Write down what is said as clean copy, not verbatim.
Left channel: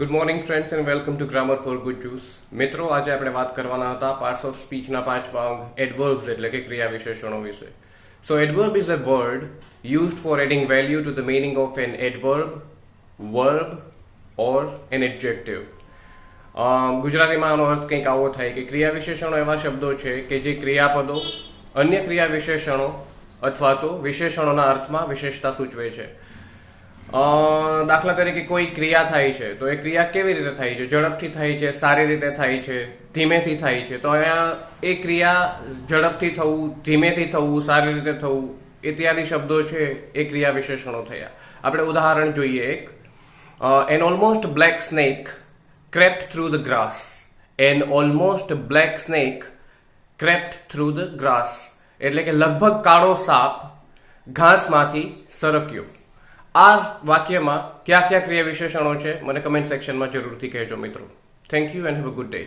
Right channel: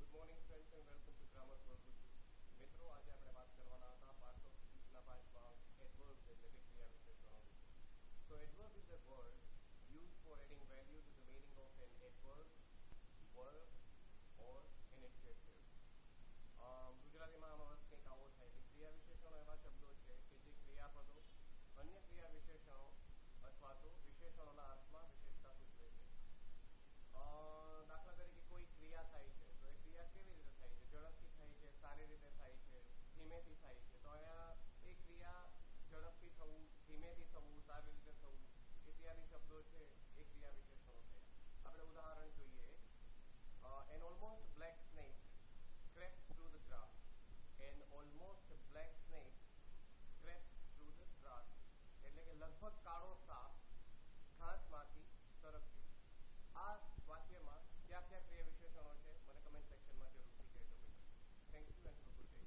Good morning friends and welcome to grammar for good juice. મિત્રો, આજે આપણે વાત કરવાના હતા પાર્ટ્સ ઓફ સ્પીચના 5 અંગ એડવર્બ્સ એટલે કે ક્રિયા વિશેષણો વિશે. So adverb is a word used for adding value to the meaning of an adverb, verb or an adjective. ગુજરાતીમાં આનો અર્થ કંઈક આવો થાય કે ક્રિયા વિશેષણો એવા શબ્દો છે કે જે ક્રિયાપદો, અન્ય ક્રિયા વિશેષણો અથવા તો વિશેષણોના અર્થમાં વિશેષતા સૂચવે છે. દાખલા તરીકે કોઈ ક્રિયા થાય છે તો એ ક્રિયા કેવી રીતે થાય છે? ઝડપથી થાય છે, સારી રીતે થાય છે, ધીમેથી થાય છે. તો અહીંયા એ ક્રિયા ઝડપથી થવું, ધીમેથી થવું, સારી રીતે થવું ઇત્યાદિ શબ્દો છે એ ક્રિયા વિશેષણો થયા. આપણે ઉદાહરણ જોઈએ એક. An almost black snake crept through the grass. An almost black snake crept through the grass. એટલે કે લગભગ કાળો સાપ ઘાસમાંથી સરક્યો. આ વાક્યમાં કયા કયા ક્રિયા વિશેષણો છે મને કમેન્ટ સેક્શનમાં જરૂરથી કહેજો મિત્રો. Thank you and have a good day.